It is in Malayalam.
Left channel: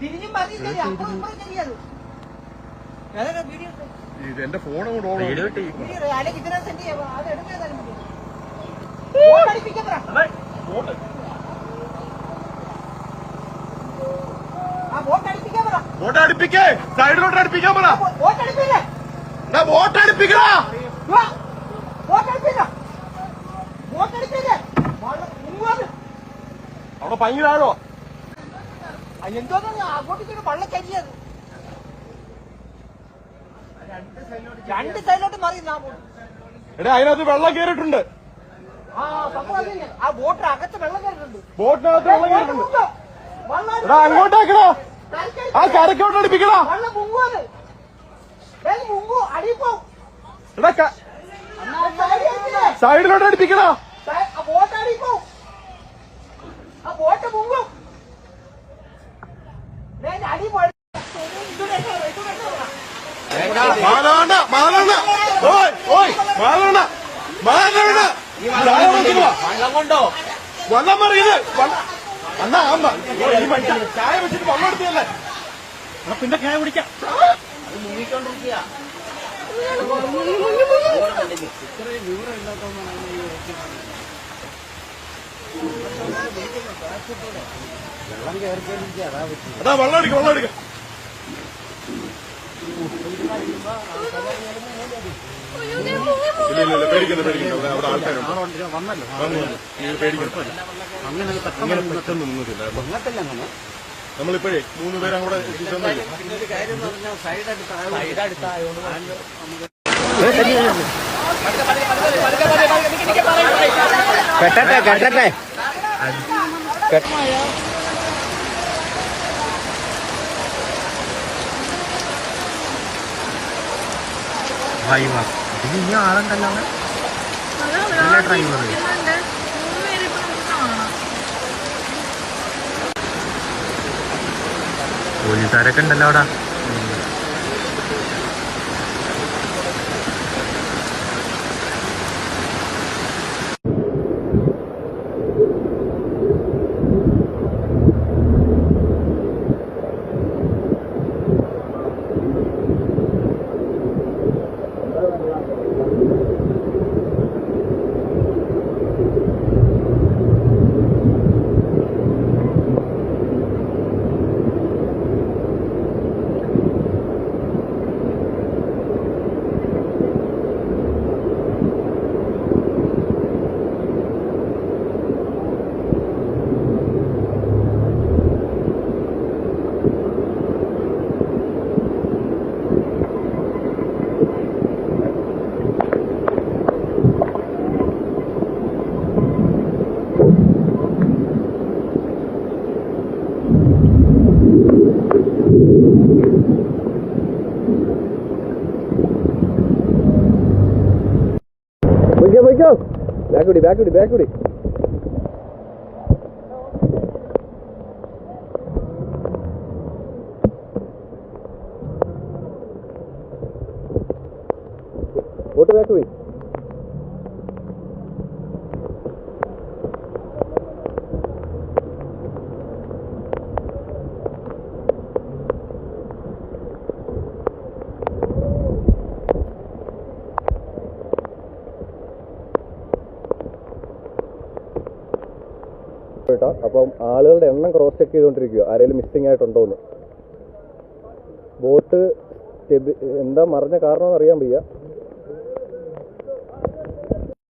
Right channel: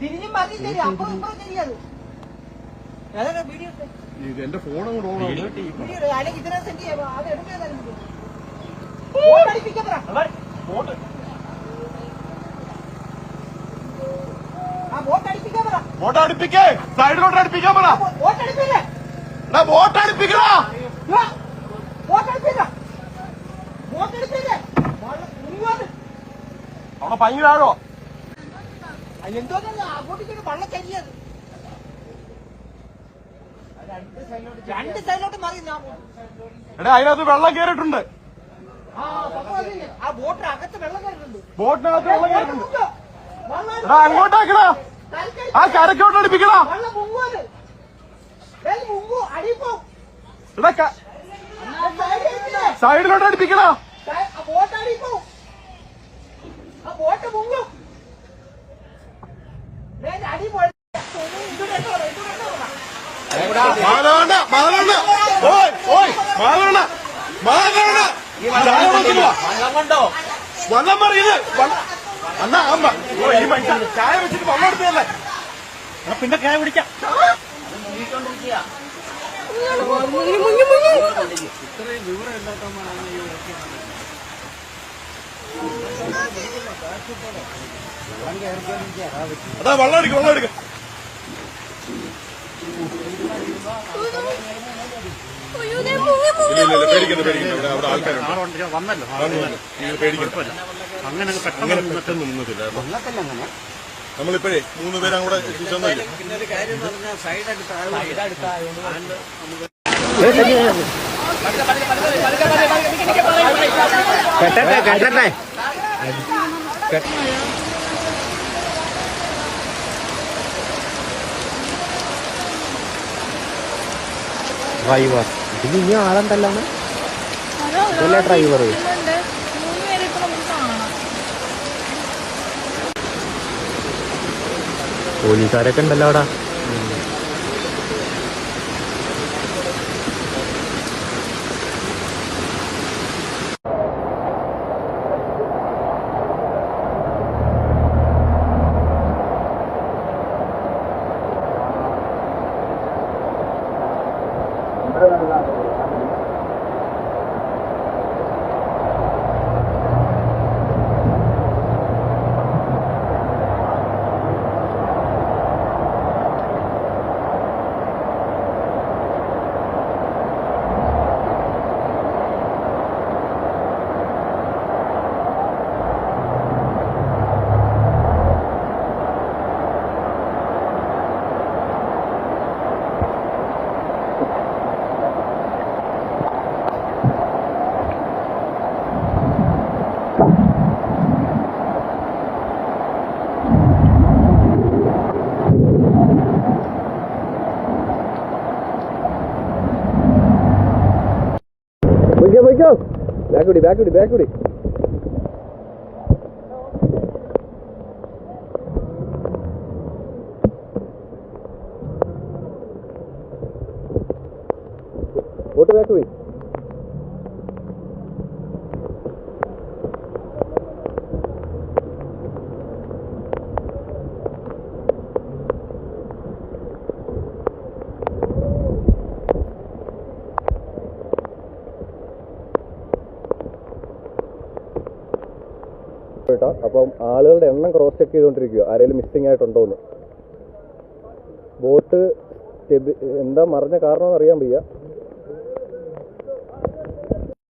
തിരിഞ്ഞും മതി ശരി അപ്പുറം ഇപ്പുറം ശരിയത് എന്റെ ഫോൺ അല്ലെങ്കിൽ ഇതിനെ സെൻഡ് ചെയ്യാം അത് എടുക്കാൻ വോട്ട് അടുപ്പിക്കേ സൈഡിലോട്ട് അടുപ്പിക്കാൻ പറ അവിടെ ഭയങ്കരാണോ എന്തോന്നാ അങ്ങോട്ടേക്ക് വള്ളം കരിയത് രണ്ട് സൈഡിലോട്ട് മാറി എടാ അതിനകത്ത് വെള്ളം കയറിയിട്ടുണ്ട് ആ ബോട്ടിന് അകത്ത് വെള്ളം കയറിയിട്ടുണ്ട് ബോട്ടിനകത്ത് വെള്ളം കയറിയിട്ടുണ്ട് എടാ അങ്ങോട്ടാക്കണ ആ കരക്കോട്ട് അടുപ്പിക്കണ വെള്ളം മുങ്ങുന്നത് മുങ്ങു അടിപ്പോ എടാ സൈഡിലോട്ട് അടുപ്പിക്കണ ബോട്ട് അടിപ്പോ ആ ബോട്ട് മുങ്ങും അടി മാധവണ്ണ മാധവണ്ണ ഓയ് ഓയ് മാധവണ്ണ മാധവണ്ണ വെള്ളം കൊണ്ടോ വെള്ളം മറിയത് അണ്ണാ അമ്മ ഓ ഈ മനുഷ്യൻ ചായ വെച്ചിട്ട് വെള്ളം എടുത്തതല്ലേ പിന്നെ ചായ കുടിക്കാം മുങ്ങിക്കൊണ്ടിരിക്കുക ഇത്രയും വിവരം ഇല്ലാത്തവന്മാരാണ് ഈ വെള്ളം കയറിക്കൊണ്ടിരിക്കുക അതാ പറ്റി അതാ വെള്ളം എടുക്ക വെള്ളം എടുക്ക ഇല്ല പേടിക്കണ്ട പേടിക്കണ്ട അവിടെ ആൾക്കാരുണ്ട് വന്നല്ലോ പേടിക്കണ്ട അങ്ങനെ പെട്ടെന്ന് നിന്നിട്ടില്ല വന്നതല്ല അങ്ങനെ നമ്മളിപ്പോഴേ 3 പേരും കൂടെ എത്തിച്ചൊന്നില്ല സൈഡ് അടുത്തായതുകൊണ്ട് കേട്ടെ ഡ്രൈവർ ഇതിൽ ഇനി ആളുണ്ടല്ലോ ഇതല്ലേ ഡ്രൈവർ പോലീസുകാരൊക്കെ ഉണ്ടല്ലോ അവിടെ ബാക്കുടി ഓട്ട് ബാക്കുടി അപ്പം ആളുകളുടെ എണ്ണം ക്രോസ് ചെക്ക് ചെയ്തുകൊണ്ടിരിക്കുക ആരെങ്കിലും മിസ്സിംഗ് ആയിട്ടുണ്ടോന്ന് ബോട്ട് എന്താ മറിഞ്ഞ കാരണമെന്ന് അറിയാൻ വയ്യ